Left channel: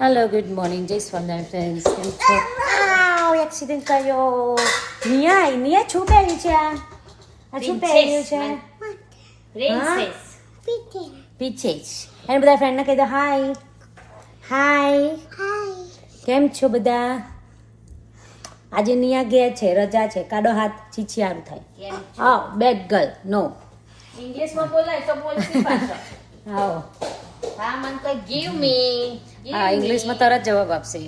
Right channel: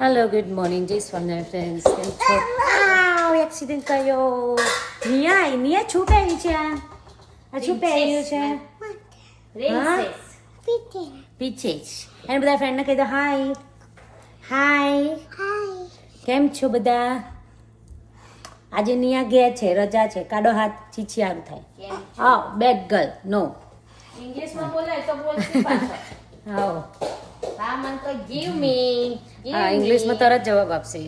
Hello good morning જય Swaminarayan friends કેમ છો? એક્સિડન્ટ કર્યો. નિયા શું પહેર્યું છે? આ શું પહેર્યું છે? હા પીછે એને બધા ફ્રેન્ડને કહી દો હાય હાય. કેમ છો બધા? આજે નિયા ગયા છે, રજા છે. કાઢો હાથ, ચીચી સારું થાય. હા બેડ ગર્લ નો ઇંગ્લિશમાં બોલાય તો બોલતી પાછો. આવો. હા મન તો ગીવ મી. હા ઇંગ્લિશમાં તરત જવાબ આપશે.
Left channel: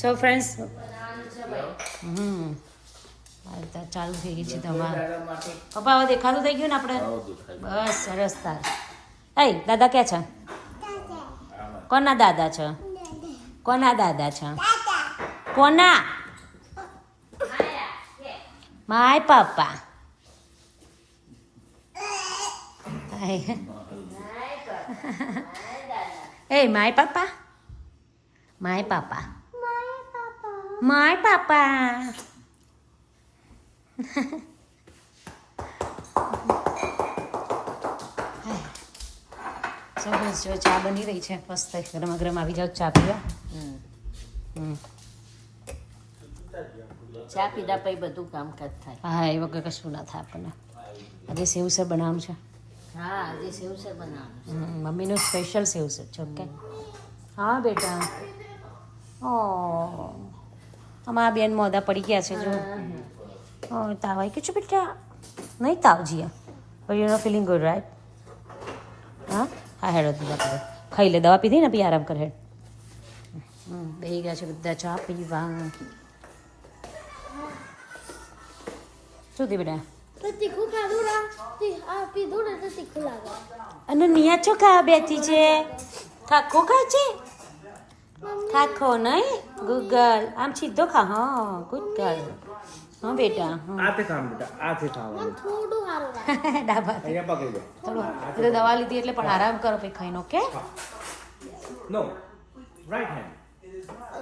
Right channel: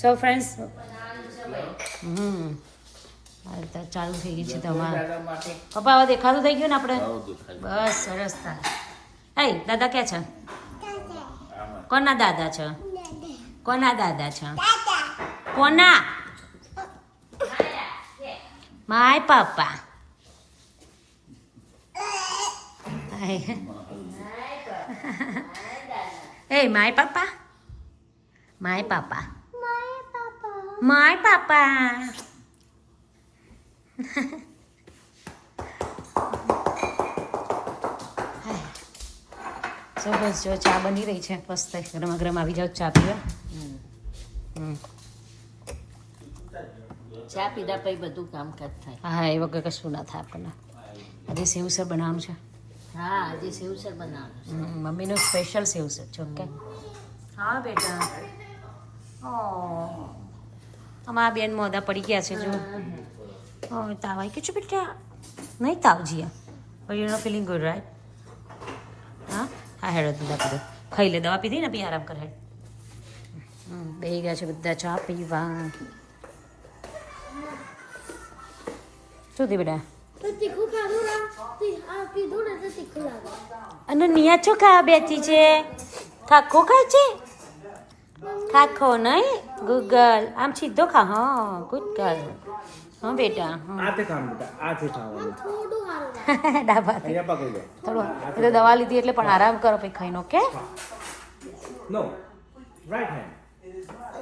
સો ફ્રેન્ડ્સ ચાલુ થઈ ગઈ છે તમારે. પપ્પા હવે દેખાતું થઈ ગયું ને આપણે? બસ સરસ થાય. એ દાદા ક્યાં છે? કોના દાદા છે? કોના દાદા છે? કોના? માય પપ્પા. એ માય પપ્પા. માય પપ્પા. માય પપ્પા. સો બસ જો ચા બની રહી છે મસ્ત ગરમા ગરમ. આવી જાવ ચા પીવા. ચા પીધા પછી બધું કામકાજ થાય. હા એ વગર કશું ના થાય આપણને. આજે સેવસર બનાવવાનું છે. હા આજે સેવસર બનાવવાનું. મમ્મીનું સ્પેશિયલ સેવસર છે. ઓકે હા બેટા. ઓ અમારા બેન મોઢા પડી ગયા છે જો. તાવ આવી ગયો છે બેટા? નહીં તાવ જીયા but you know feeling good right? હા હા હેડ દીધા કરે. ખાઈ લે, દવા પીધી ને પછી આરામ કરે. હેડ. બેસી ગયા છે બધા ચા પીવા. શું થયું બેટા? તીખું ખાધું આ પીધું ને તો તીખું લાગે. અને નિયા છો ખાવા બેઠી છે? ખાખો ખાય છે? ખાખો નહીં ગુડ ગર્લ. આમ સીધો ખા. હા ગુડ ગર્લ. હા બેટા. આથી ખાવાનું બેટા, આથી ખાવાનું. થોડું સારું લાગે. ડાબા અહીંયા પકડી દે. થોડું એટલે દવા લીધી એટલે પણ આરામ કરો પછી ખાઈને. Okay no right hand,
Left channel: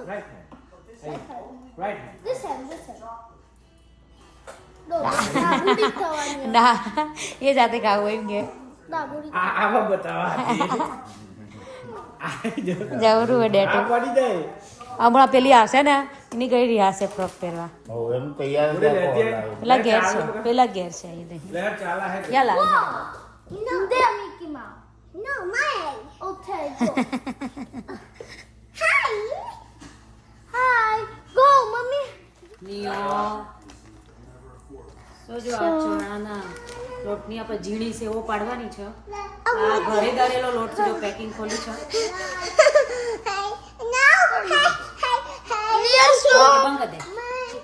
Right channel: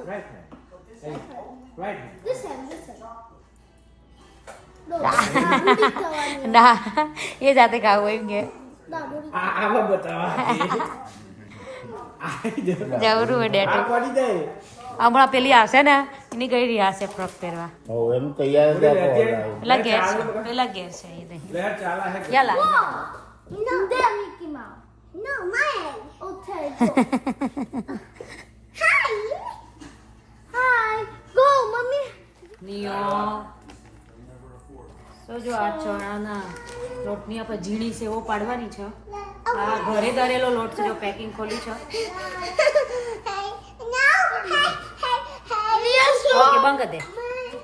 right hand, right hand. This hand. દાબોડી થવાની. ના એ જાતે ખાવું એમ કે દાબોડી. આવા બતાવવાથી જરૂર હોય ડેટો. આ પડી જાય. હમણાં પેલી આવશે ને એની ગઈ રહ્યા છે ફ્રોક પહેરવા. એનું તૈયાર પેલા ઘેર છે, પેલા ઘેર છે. એ નહીં લહેર ચાલા હે. ક્યાં લાવે? No, there, Mickey Mouse. No, my hand. Okay, go. Hi. Hi. Go, mommy. Neo તો જો આ ચણાના લોટની આપણે ઝીણી સેવો પાડવાની છે. આ ઘરે દરેલો લોટ છે જો પેકિંગ ખોલી છે. ઓકે બંધ કર દે.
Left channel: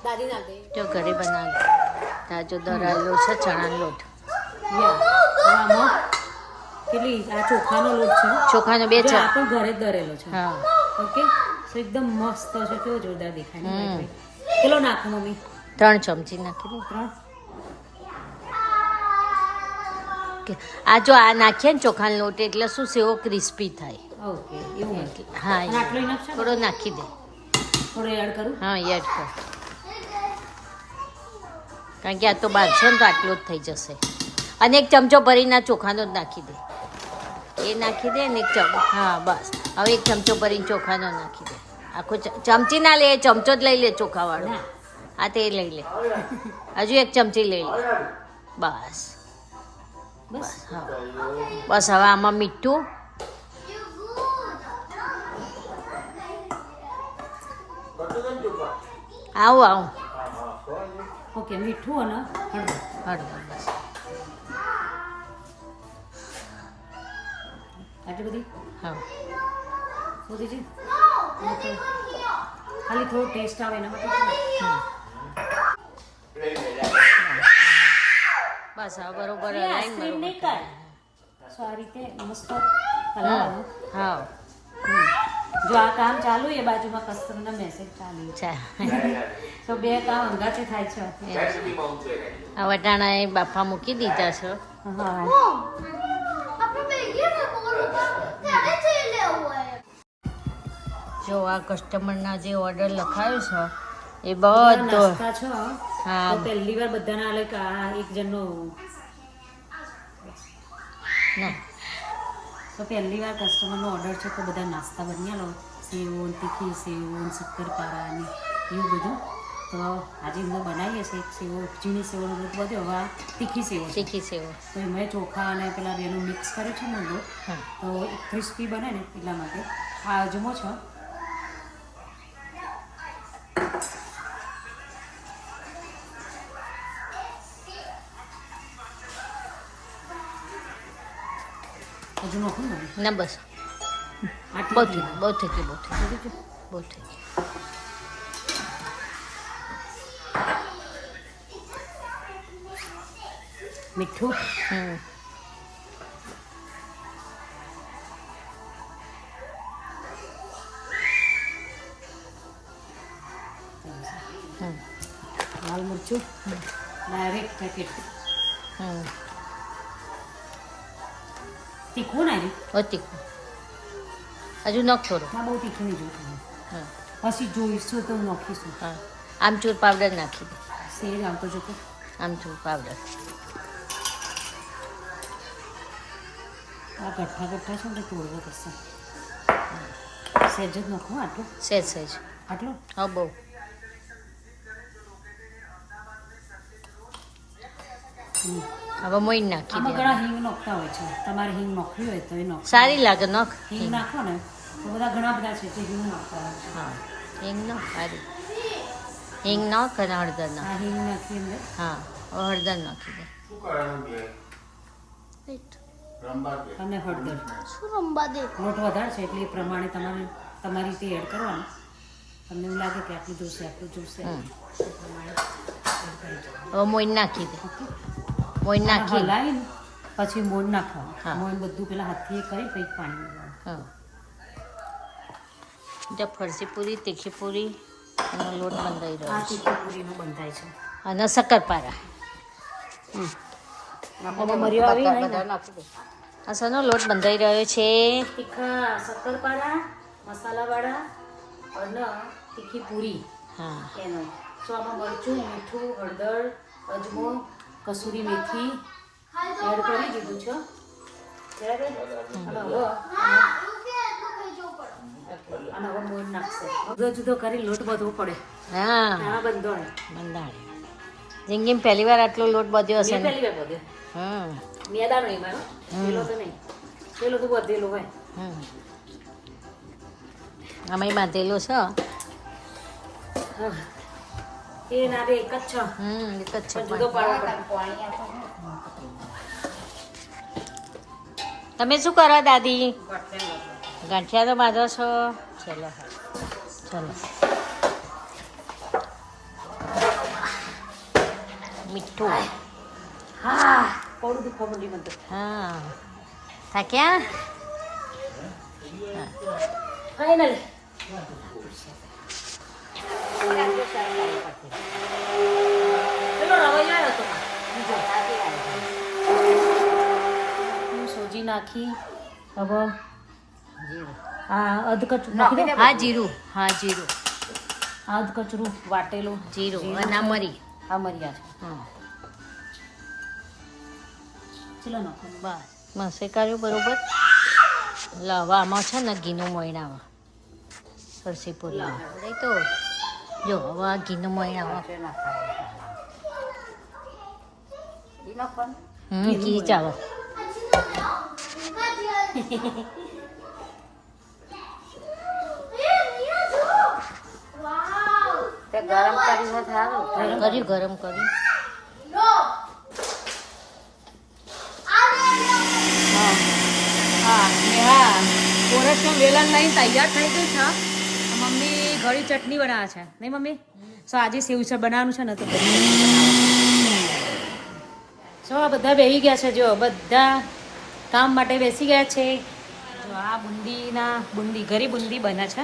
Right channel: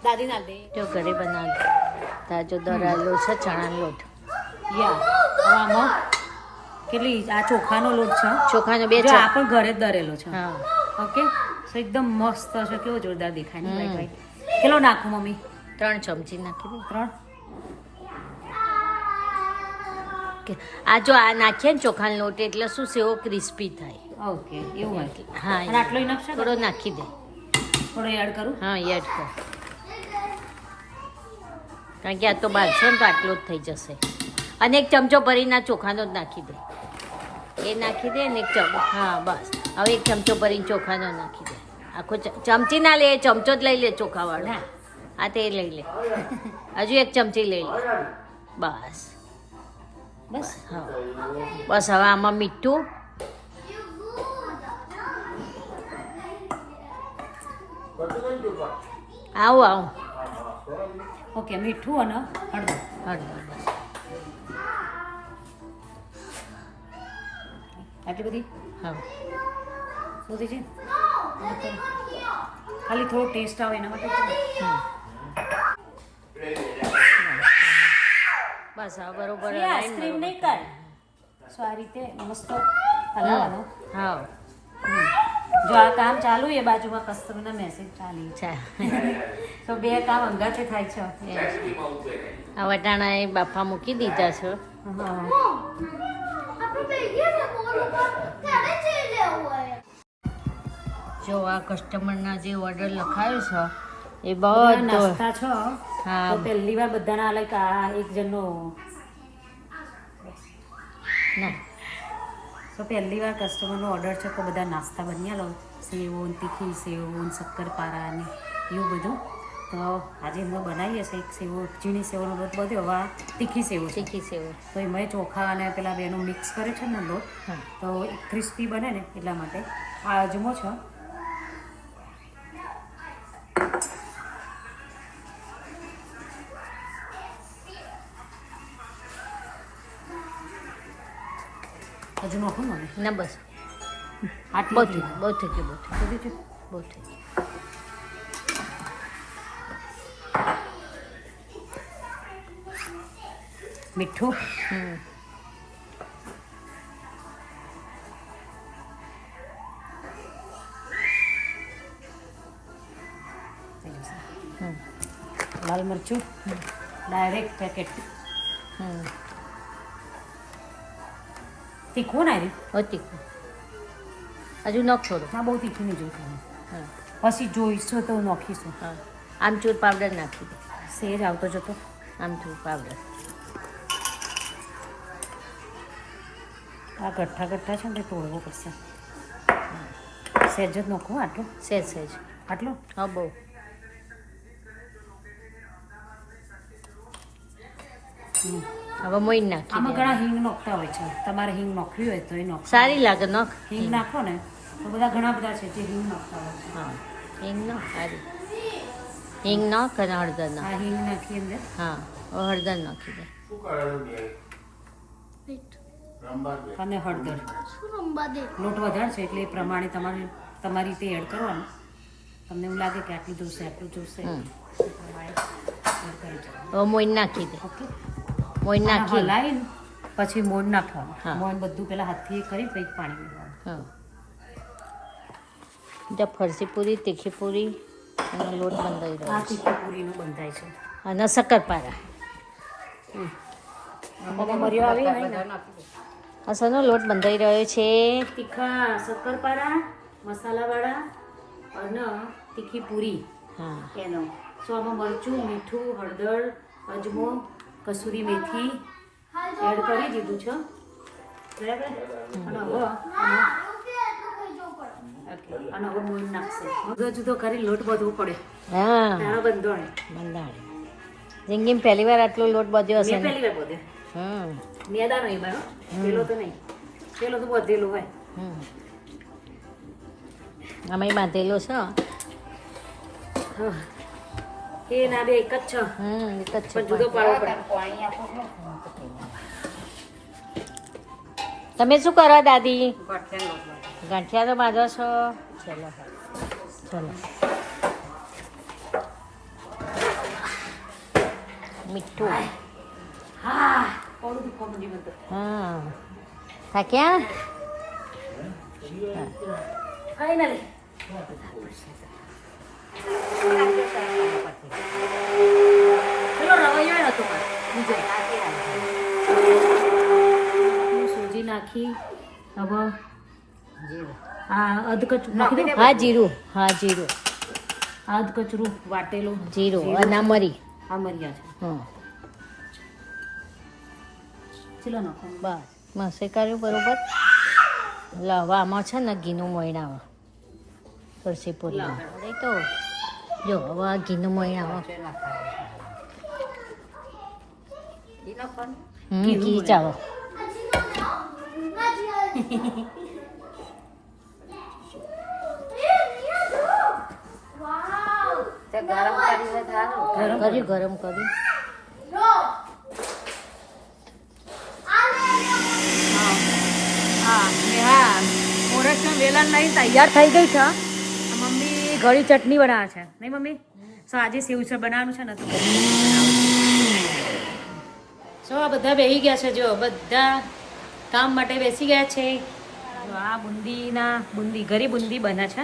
દાદી ના દે. જો ઘરે બનાવી તાજો દરાયેલો છે ચણાનો લોટ. યા હવે આમાં કેટલી આ ચોખાનો લોટ છે. ચોખાનો બે જો ચા. આ પણ ઘરે જ દરેલો છે. હા ઓકે સો એકદમ મસ્ત છે. કેવો જોરદાર દેખાય ને white white. કેટલો નાખું મમ્મી? 3 ચમચી નાખી દે. 3. આ જો આ નાખીએ ને ચોખાનો લોટ એટલે શું સેવો ક્રિસ્પી થાય. ઓકે એવું હોય. હા અને આટલો enough છે? થોડો નાખી દે. થોડો એડ કરું. હા એડ કર કારણ કે આ તો બાંધશો ને તો આટલો જ થઈ જશે. અને 1 ચમચો ભરીને ચોખાનો જ નાખી દે. એ નાખી દે ને 1 ચમચો. હા બસ હવે 1 ચમચો ભરીને ચોખાનો નાખી દે. આખો ચમચી ના લે, ચમચો જ લઈ લે ચોખાવાળો. હા તે લઈ લે. હજુ 1 ચમચી લઈ લે. બસ બસ હા બસ હવે આમાં મીઠું. આવું ઓકે મીઠું અને હળદર. હળદર બસ. આટલી બધી હા બધી છે. અને તો ખાલી થોડો ટેસ્ટ આવે એના માટે. બસ હવે બરોબર સ્ક્રીન નહીં કર. સો આ રીતે મસ્ત હલાવવાનું. હા જો આ કામ ચાલુ એ બાજુમાં કસ્ટમરના મેસેજ ચાલી છે. તો બે કામ અંગાતે થાય છે. આ વટાણા એ બાફા મૂકી દીધા છે. હા આપણે બે ગયા ને બોલ ઉપર ત્યારે જઈ લેવું હોય. જો આ કસ્ટમરના જે ઓર્ડર લખાયો છે એ બધો નાસ્તા છો. હા તો પહેલી વાર બધાના લાઈક આ એક જણનો ના તો પહેલી વાર કસ્ટમરનો ઓર્ડર છે તો બધા નાસ્તા બની આલો સેવો ને તીખી સેવો ને શક્કરપારા ને એવું બધું. તો આજે અમે બનાવીએ છીએ એક સેવો, ઝીણી સેવનો લોટ બધો. હવે આ તીખી સેવો છે. તીખી સેવો. તો એમાં ચોખા અને પેલા બેનું મિક્સ કરે છે ને લોટ, હા. તો ક્રિસ્પી બને ને એટલા માટે. આ અજમો છે. હજુ નાખું ને ના બસ આટલું બહુ થઈ ગયું, બહુ થઈ ગયું, બહુ થઈ ગયું. મીઠું. લાલ મરચું ડાયરેક્ટ પેકેટ. તીખું ના રહ્યું, તીખું હજુ નખ થોડું. ના બહુ તીખું નહીં જોઈતું. હા પછી જોઈશું તો નાખીશું. હા આમચૂર પાવડર નાખી દે. સેજ આવતો જતો. આમચૂર પાવડર. આ ગઠ્ઠા છે ને તોડવો પડશે. સેજ જ નાખો. આટલું સહેજ સહેજ. આટલું હા બહુ. હવે મોઈન નાખી આમાં દે. ઘણા હિંગ નાખતા હોય છે. તમારે હિંગ નાખવી હોય તો એ નાખો. સારી લાગે નખ. હિંગ નાખો ને તો બધા ઘણા બધા છે જે હિંગ નાખતા હોય છે. હા હિંગ ન સારી. હિંગ નાખ અને હળદર નાખ. આ હિંગ નાખી અંદર. હા હવે હળદર નાખી દે. અને હળદર. શું રંબા દે? લોટ વધારે છે એટલે એ પ્રમાણે તમારી રીતે એડ કરવાનું. તમને એવું લાગે કે આટલું જોશે આટલું જોશે હમ. એ પ્રમાણે એડ કરી દેવાનું. હવે મોઈન નાખી દે. ઓકે. મોઈન નાખી. હલાવીને પછી મોણ નાખવાનું. હા. મોણ બધું પેલા હાથથી કરી પછી પાણી લેવાનું. હા જ્યાં ફરસી પૂરી, તીખી પૂરી એનો લોટ બંધાઈ આ રહ્યો છે. તીખી પૂરીનું બંધાય છે. અને શક્કરપારા. આપણે મરીઓ આવી નહીં ને? આ શેનો લોટ બંધાઈ રહ્યો છે? તીખા શક્કરપારા મસાલાવાળા અને તીખી પૂરી હા એનો. સો આમાં મરચું, મીઠું, હળદર, અજમો, કસૂરી મેથી એડ કરી દીધું છે. બરાબર. અને હવે મોઈન નાખશે. જુદો જુદો કરી લોટ બધવો પડે. હા આ બંધો ને બંધાડે. જિંદગીમાં પહેલી વાર આટલો લોટ બધ્યો હશે મેં ને. પહેલી વાર બધે હમ મેદા નહીં મારો. પેલો તો નહીં. પેલો તો બધેલું હોય. હમ આમાં બાંધેલો છે. હા. એ ના બે એક જ છે. એક જ છે પણ જુદો પાડવો પડે. તમે શું કરો દાદી? ગાંઠિયા ગાંઠિયા તો બાંધો છો. ચલો ચલો. મીઠું. હા પડું દુખવા મળી મને તો. હા થાક્યા? ફાઇનલી પેલો રવૈયો હતો બીજો. સૂજી નાખી. હવે આ અધકચરું નાખી દો. હા જીરું. હા જીરું. આ અધકચરું વાટેલું જીરું અને આ મરી. આ મરિયા છે. હા ચલો નાખો. બસ મસે કર્યું બરોબર. હવે આમાં છે ને ઘીનું મોઈણ આવે સરસી પૂરીમાં. હવે તો જો હવે આ ઘીનું મોઈણ આવે. ઘી જ આવે. કર્યું ગરમ કર્યું. હા ઓરસનો વેલણ લઈને તૈયાર થઈ ગઈ છે. મમ્મી ઘડી ચટણી બનાવે છે નહીં મમ્મી? સો આજે સેવસર બનાવવાનું છે ને તો સો આ બધા બેસી ગયા છે. જો બધા કામ માટે બેસી ગયા છે. જો આ બુંદી ઘરી બુંદી બને છે.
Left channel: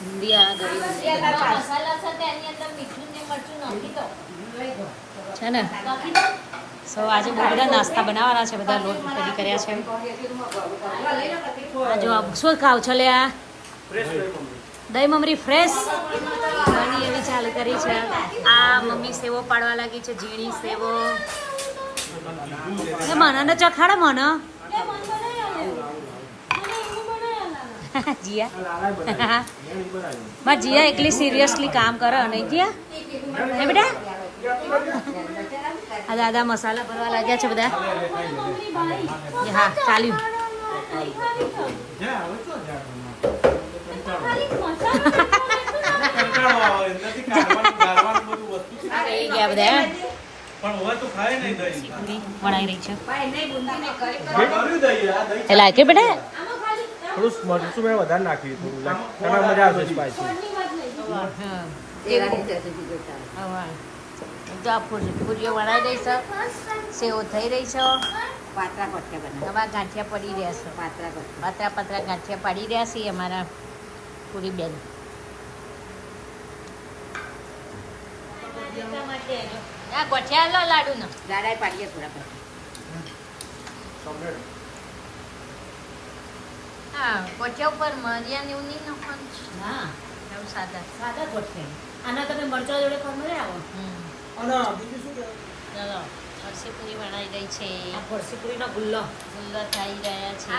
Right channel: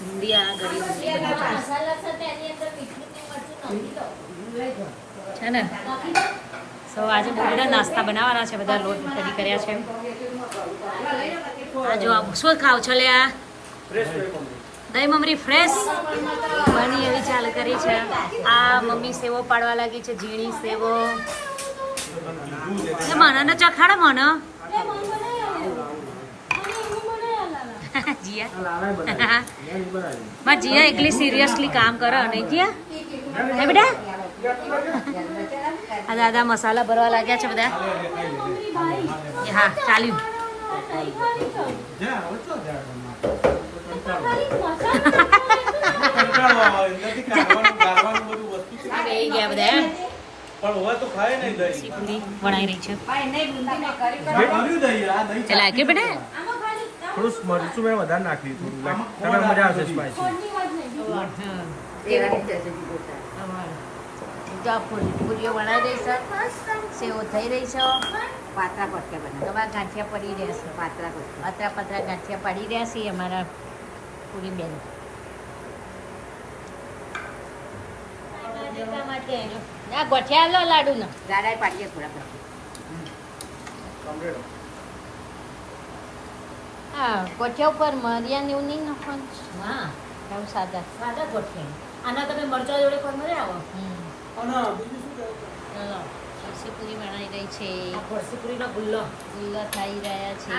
બુંદી આ ઘરી બુંદી બને છે ને. સો આજે બહુ બધા નાસ્તા બનાવવાના છે. બધા લોટ રેડી કર્યા છે. આ જો શું ખાવ છો લે? આ દહીં મમરી ફ્રેશ બની એવી ચાલુ કરી છે. આ મમ્મી સેવો પાડવા લાગી છે. ઝીણી સેવો. મને ચખાડે મને. જીયા લાલાએ બનાવી મેં બનાવી માં જીયા એકલી સિરિયસલી કામ કરે નહીં જીયા હે બેટા આ દાદા મસાલા ભરવા લાગ્યા છે બધા હા ચાલ્યું જા ઓછો જા કંટાળો આવે નથી ગાળવાનું બધું વસ્તુ છે એ ગયા બધા પણ હોય તો ખાય નહીં દહીં પૂરી વણાઈ રહી છે કર્યું દહીં આ દહીં એ લાગે બેટા થોડું મરચું મેં વધારે નાખ્યું થોડું તમે મજા આવશે સ્પાઈસી પૂરીઓ વણાઈ રહી છે સેવ થઈ રહી છે પાતરા પટ્યા બના તમારા ગાંઠિયા પડી રહ્યા છે પાતરા ગાંઠિયા પડી રહ્યા છે અમારા પૂરી બેન આ ગોઠિયા લો લાડુ નો દાડા પાડીએ થોડા પછી હા ગોઠિયા ઉપર મરિયા ને એવું નહીં નાખવાનું હા બહુ સાદા સાદા ગોઠિયા આના તમે મરચા જોડે કોઈ મરે આવો અને બીજું શું કહેવું? ચલો ફરસી પૂરી બનાવી રહી છે આ ફરસી પૂરીનો ગુલ્લો ગુલ્લો થઈ રહ્યા છે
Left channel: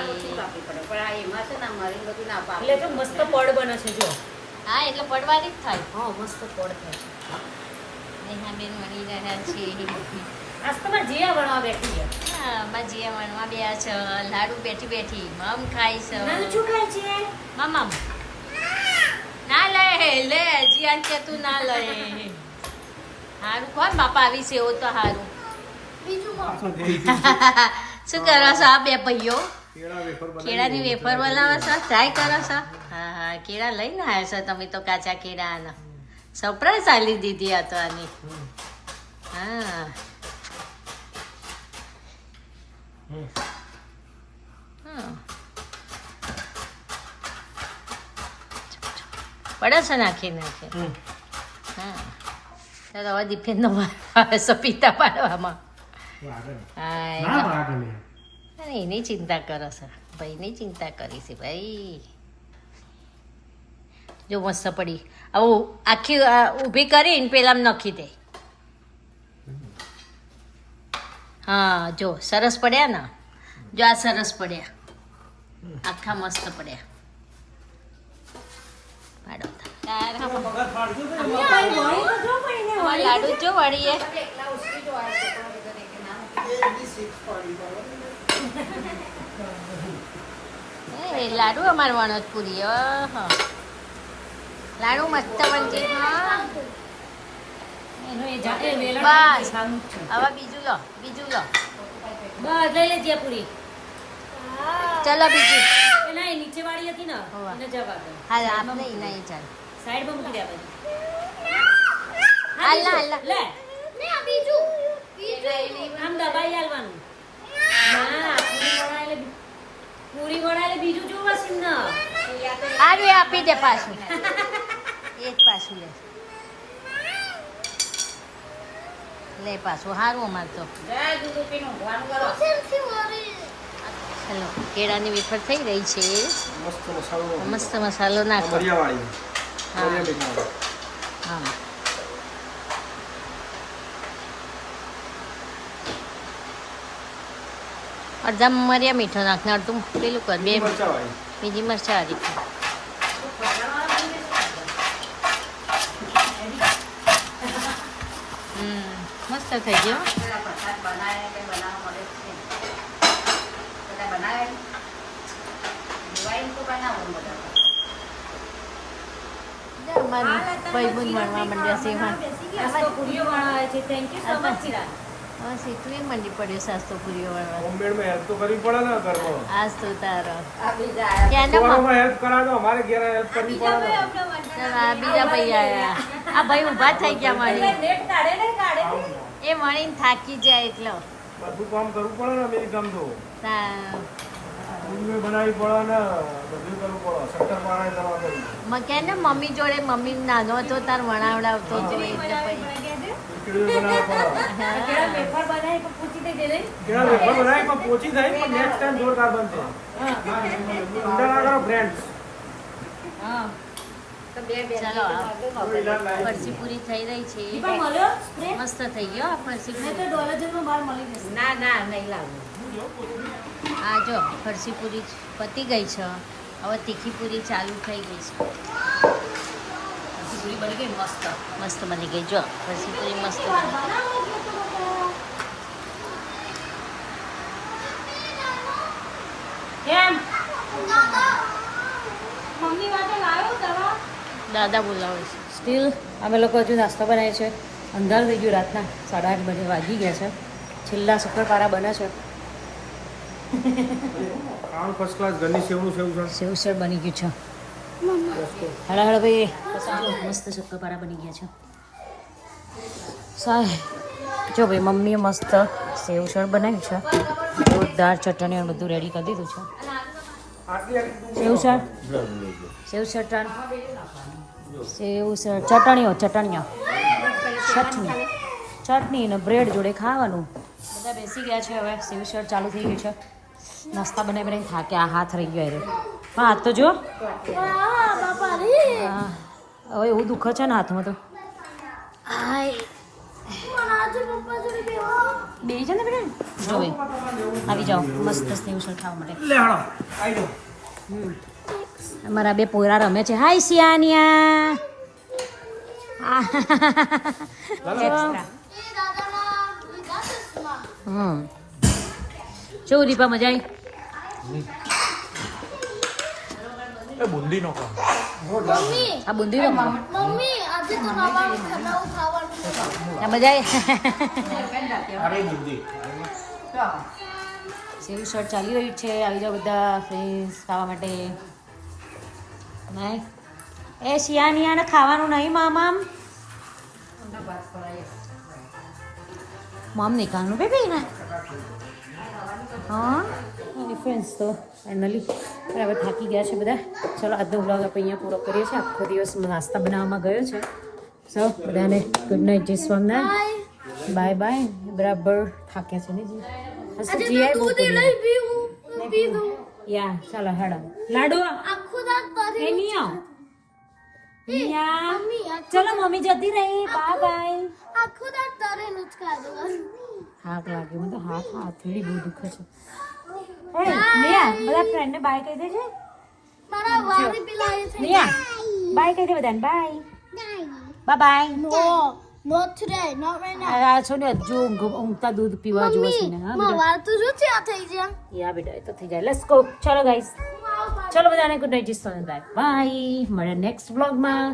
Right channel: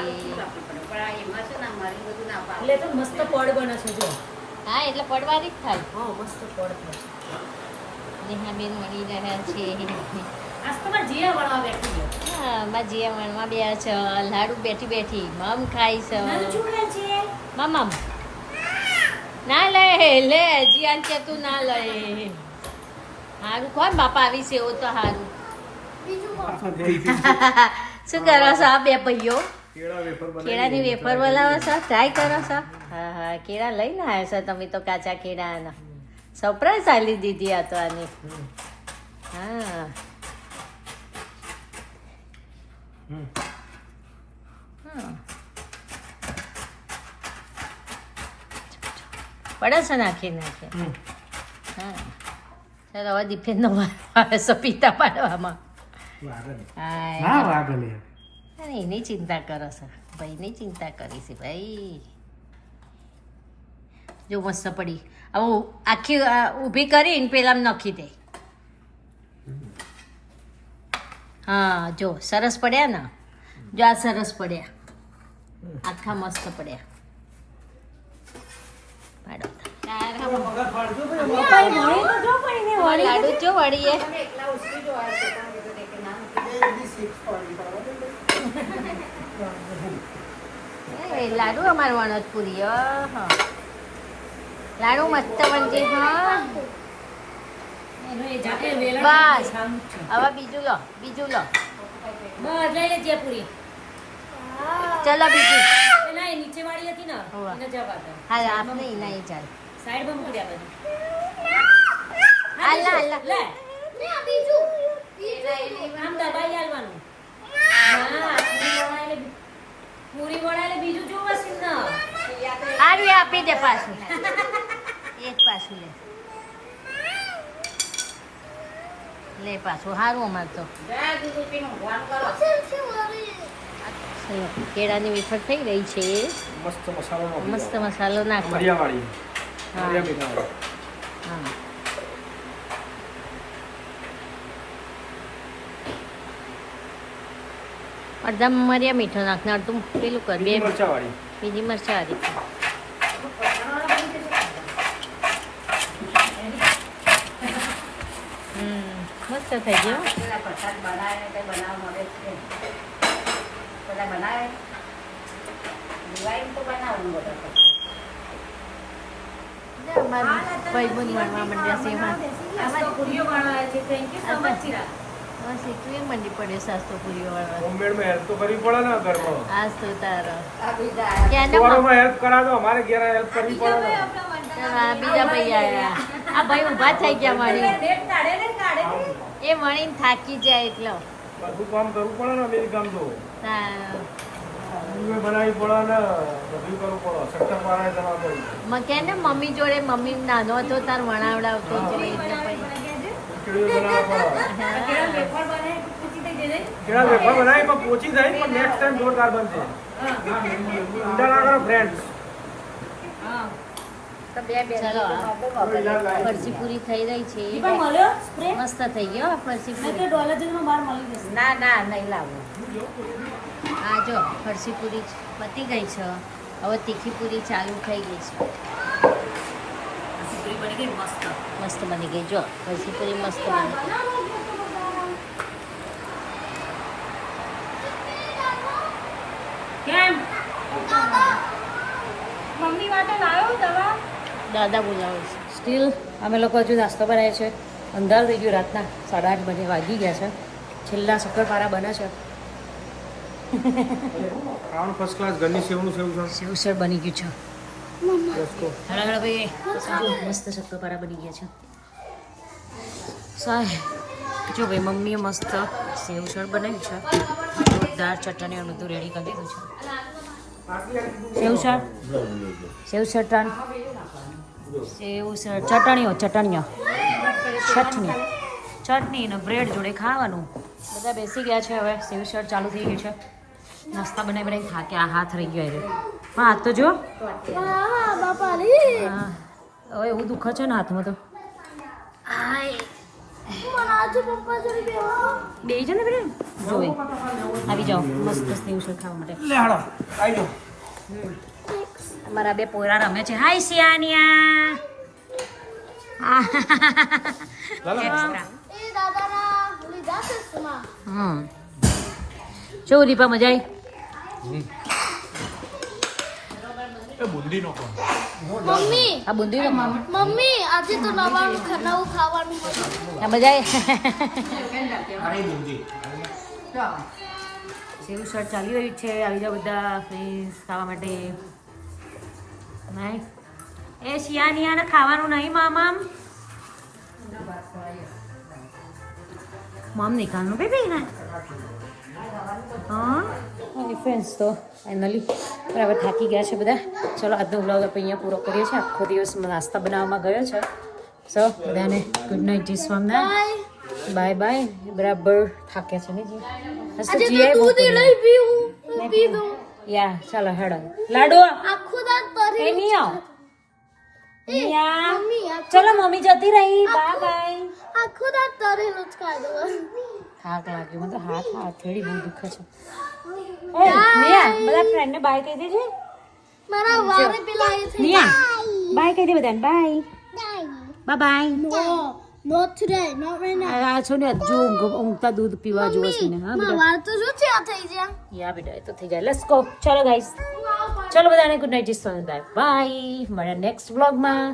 એટલે તો મસ્ત પડ બને છે જો હા એટલે પડવાની જ થાય હા મસ્ત પડ થાય નેહાબેન મળી રહ્યા છે આજ તો મારે જીયા બનાવવા બેઠી છે હા માજીયા વણવા બે છે લાડુ બેઠી બેઠી મમ ખાય છે નાનું શું ખાય છે મમ ના લે લે જીયાન કે તું ના લે હારું કોણ બાપા આવી છે એવું તો હારું શું કરો છો આ બે ભાઈઓ કેળાની વેફર બનાવો છો ટ્રાય કરો છો હા હા કેળા લઈને આવ્યા છો તમે તો કાચા કેળાના સરપ્રાઈઝ આલી દીધી આ તો આની હા પડે છે નાખી નાખે હા ચાલો હવે દીપેનનો વાર આવે છે પીતા પાડવામાં હા એની ચિંતા કરો છો ભાઈની ચિંતા કરી છે ભાઈ જો મસ્ત પડી હવે આખી ઊભી કરીને પેલા નખી દે હા જો સરસ પડ્યા ને જો આ સરસ પડ્યા આખા મસ્ત પડ્યા પાડો લાડુ જો વળીએ લાડુ અમારે વણો જ પૂરી લાડુ મસ્ત બનતી હા બસ હવે બીજું લો બસ લઈ લે જીયા પૂરી ચલો બીજું પેલા એ નીચે વાળી હતી ને હોવા. એને જવાબ દે હા આપ નહીં નહીં ચાલ સાઈડ માં મૂકી દે બધી હાલ ના હાલ ના. લે ને આ બીજું આમ દબાઈ આલવાનું હા પૂરી વણાયેલી બીજું જો મશીન ના આડું એ આપી દે પાછું એ જ પાછું લે પાછું સારું અમારે તો ચલો કેળાની વેફર થઈ રહી છે મસ્ત મસાલો મસ્ત મસાલો નાખો મરિયાવાળી હા. મરિયા મીઠાવાળી. હા અડધા મરિયા મીઠો નાખને અડધું પેલું કર બે મરચાવાળી. બીજી મરચાવાળી કર. મસ્ત થઈ ગયો ભાઈબંધ મળવા માંડ્યા છે એમાં પૂરીઓ વણાવે છે thank you so much Chirag હવે શીખવી મંડી પડ્યો સાસ્તો પૂરીઓ વાળવા હોમમેડમાં હેલ્પ તો કરવી પડે ને ઘરમાં. આજ તો તારો ક્યાંના સવારમાં હેલ્પ કરાવો અમારે ઘેર હેલ્પ કરવી પડે ને. ચાલો આ બીજા ભાઈ આવ્યા આ ભાઈ ઊભા થઈ ગયા મણી ડેટ કાઢે ને કાઢે એ મણીને થાકી જાય એટલો બધું કામ કરવું પડે ને અમે કામ તો તા- પૂરીઓ બનાવવી પડે ને બધું કરવું પડે શક્કર પારાય કરવા પડી કે ને મમ્મી જોડે મમ્મી નાનો હતો તાર વણાવડાવતો હતો એટલે પછી ખીચડીઓ બનાવવા પડે હા. વેફર બનાવી તો પૂછી દે ગઈ કેળા વેફર બનાવી પણ પોચી જાય પણ નેક્સ્ટ ટાઈમ જોરદાર બનશે ઊંડા ના કરો ફ્રેન્ડ્સ. હા ચલો ફરસી પૂરી થઈ રહી છે પણ મળ્યો સ્પ્રે મસ્ત થઈ ગયો આ ફરસી તો પૂરી ડોલર જેટલું બહાર મળી જશે ના નહીં લાવવું આ જો ફરસી પૂરી પતી ગઈ છે હવે તીખી પૂરી ચાલુ થઈ ગઈ છે. પૂરી બની ગઈ મસ્ત. મસ્ત બની ગઈ જો રસી પૂરી મસ્ત બની ગઈ. કેમ મમ્મી માટે લાવ્યો દવા? દાદા બોલાવે છે. સ્ટીલ અમે લોકો હજુ નાસ્તો બનાવીએ છીએ. અંધાર થઈ ગયું રાતના 8:30 બજે વાગી ગયા છે. છેલ્લા શક્કરપારા બને છે. ખાવાનું ફર્સ્ટ ક્લાસ ઘરની સેવનું સેવ છે. સેવસર બની ગયું છે. હળા હળા ભાઈ મસ્ત શક્કરપારા બની ગયા છે. સાહેબ જો ભાઈ મમ્મીએ મસ્ત સેવસર બનાવી છે. જોરદાર ચટણી અને બધું રેડી કરી દીધું છે. સેવસર સેવસર ટન સેવસર ચટણીઓ ચટણી ને બ્રેડ જોડે ખાવાનું. બધા બેસી ગયા છે. હવે સેવસર ચાલુ થઈ ગયું છે. નાસ્તા બનાવી થાક્યા હાથ રહી ગયો રે. હા હાથ તો જો હા હવે એવું દુઃખ છે ને હાથમાં તો. બે છે ને બેટા જોવે આવી જાઓ મસ્ત સેવસર ખાવા માટે. લે હાલો આવી જાઓ. અમારા બે પોરા રમે છે. હાય સિયાનિયા. હમ શું દીપા મજા આવી? એ બુંદી નો મમ્મી આ બુંદી રમો મમ્મી આજે તો નવું ખાવાનું હતું. આ મજા આવી બુંદી. આવી સેવસર ચાલી રહ્યું છે. આવી જાઓ બધા ફ્રેન્ડ્સ ખાવા માટે. એ શિયાનિયાને ખાવાનું નહીં મામામ મમ નિકાલનું બેબી ને હા ફ્રેન્ડ્સ તો ફાઇનલી બરાબર થાકી ગયા છે બધા. ચલો આજનો વ્લોગ આપણે અહીંયા પૂરો કરીએ છીએ. આખો દિવસ નાસ્તા બનાવવામાં ગયો છે. સો બધાને ગુડ નાઇટ જય સ્વામિનારાયણ બાય બાય. બરાબર થાક્યા છે ને જી હસ્ત જીઆઈ બહુ પીધું યા ચાલો હેડો લાડુ આખું દાંત ભરી એ નહીં આવ ચલો મમ્મી જતી રહી બાય બાય. આખું દાંત તરેલું જ ખાધું. થાક લાગ્યો મને તો હાથ હથેળી બહુ દુખે છે. ઓય નિયા બધા ફ્રેન્ડને બાય કહી દેજે. મારા વારે પેલા એ થઈ નિયા બાય કહી દે બધાને bye bye No, not today, not right now. આ છો ને હજુ ઊંઘતા દૂધ પીવા જેવું છે ને હા મારા વાળ તો શું છે આ થઈ ગયા. યા બેટા એ તો થઈ જાય. લેટ્સ ગો ચલો ગાઈસ ચલો બધાને ગુડ નાઇટ જી સોન બાય બાય મળે નેક્સ્ટ વ્લોગમાં.